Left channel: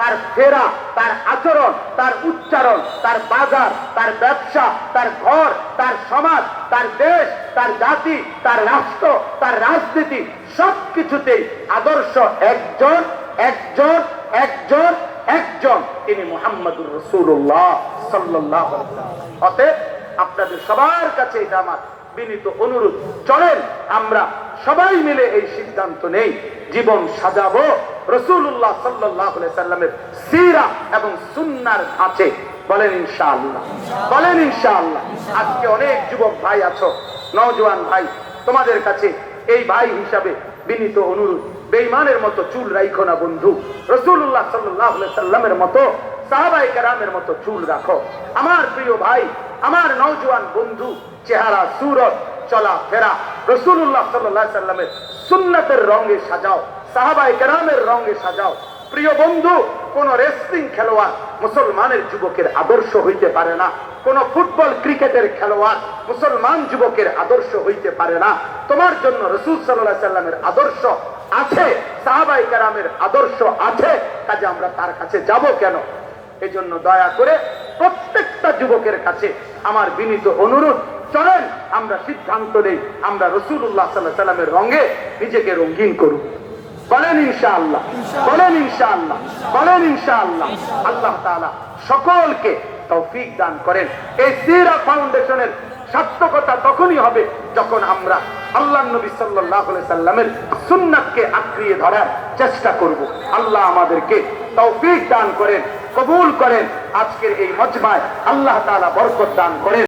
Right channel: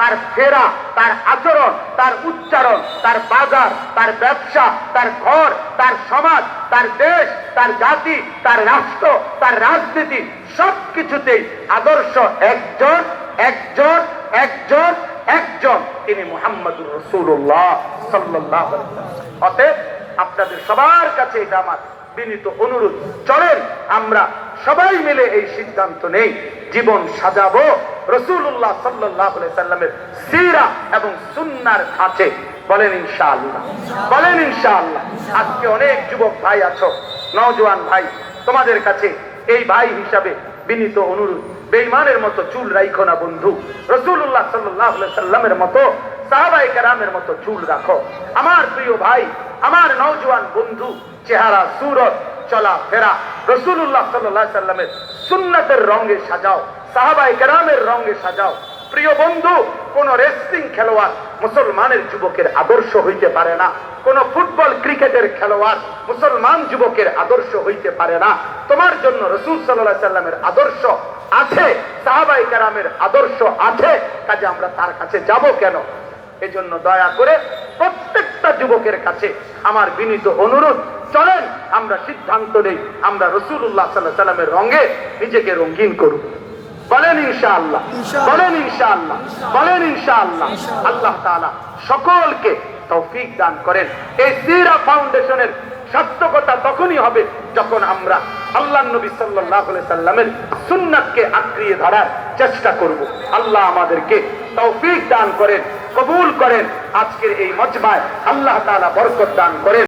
তার ফেরা, তার আচরণ, তার উচ্চারণ, তার বাজার, তার ব্যবসা, তার ঘর, তার সমাজ, তার দেশ, তার জাতি, তার রাষ্ট্র, তার রাজনীতি, সবকিছুতেই আদর্শ একজন একজন একজন একজন, তিনি মুহাম্মদুর রাসূলুল্লাহ সাল্লাল্লাহু আলাইহি ওয়াসাল্লাম। অতএব আপনাদের সবার কাছে এটা আমার বিনীত অনুরোধ, চলেন আমরা সবাই মিলে এই সিদ্ধান্ত নেই, জীবন সাজাবো রাসূলুল্লাহ সাল্লাল্লাহু আলাইহি ওয়াসাল্লামের সিরাত এবং সুন্নাহর ধাঁচে। বলেন ইনশাআল্লাহ, বলেন ইনশাআল্লাহ। আজকে অনেক যুবক ভাই আছো, নওজোয়ান ভাই, তোমাদের কাছে এই ভাই হিসাবে বিনীত অনুরোধ, বেঈমানের মতো চুল রাখো না বন্ধু, রাসূলুল্লাহ সাল্লাল্লাহু আলাইহি ওয়াসাল্লামের মতো, সাহাবায়ে কেরামের মতো চুল রাখো। আমার প্রিয় ভাই, আমার নওজোয়ান বন্ধু, চেহারা সুরত চলা ফেরা রাসূলুল্লাহ সাল্লাল্লাহু আলাইহি ওয়াসাল্লামের সুন্নাতের রঙে সাজাও, সাহাবায়ে কেরামের রঙে সাজাও। প্রিয় বন্ধু, কোন রেসলিং খেলোয়াড় মুসলমানের যুবকের আদর্শ হইতে পারে না, কোন ফুটবল ক্রিকেটের খেলোয়াড় মুসলমান যুবকের আদর্শ হইতে পারে না। তোমার জন্য রাসূল সাল্লাল্লাহু আলাইহি ওয়াসাল্লামের আদর্শ আছে, সাহাবায়ে কেরামের আদর্শ আছে, কাজে আমরা তার কাছে যাব কেন? এজন্য দয়া করে প্রত্যেকটা যুবকের কাছে আমার বিনীত অনুরোধ, চলেন আমরা সিদ্ধান্ত নেই, আমরা রাসূলুল্লাহ সাল্লাল্লাহু আলাইহি ওয়াসাল্লামের রঙে নিজেকে রঙিন করব। বলেন ইনশাআল্লাহ, বলেন ইনশাআল্লাহ, বলেন ইনশাআল্লাহ। আল্লাহ তাআলা সকলকে তৌফিক দান করেন। এই সিরা ফাউন্ডেশনের সার্থকতা তখনই হবে যখন আমরা আল্লাহর নবী সাল্লাল্লাহু আলাইহি সাল্লামের সুন্নাতকে আঁকড়িয়ে ধরার চেষ্টা করব। আল্লাহ আমাদেরকে তৌফিক দান করেন, কবুল করেন। আজকের এই মজমায় আল্লাহ তাআলা বরকত দান করেন।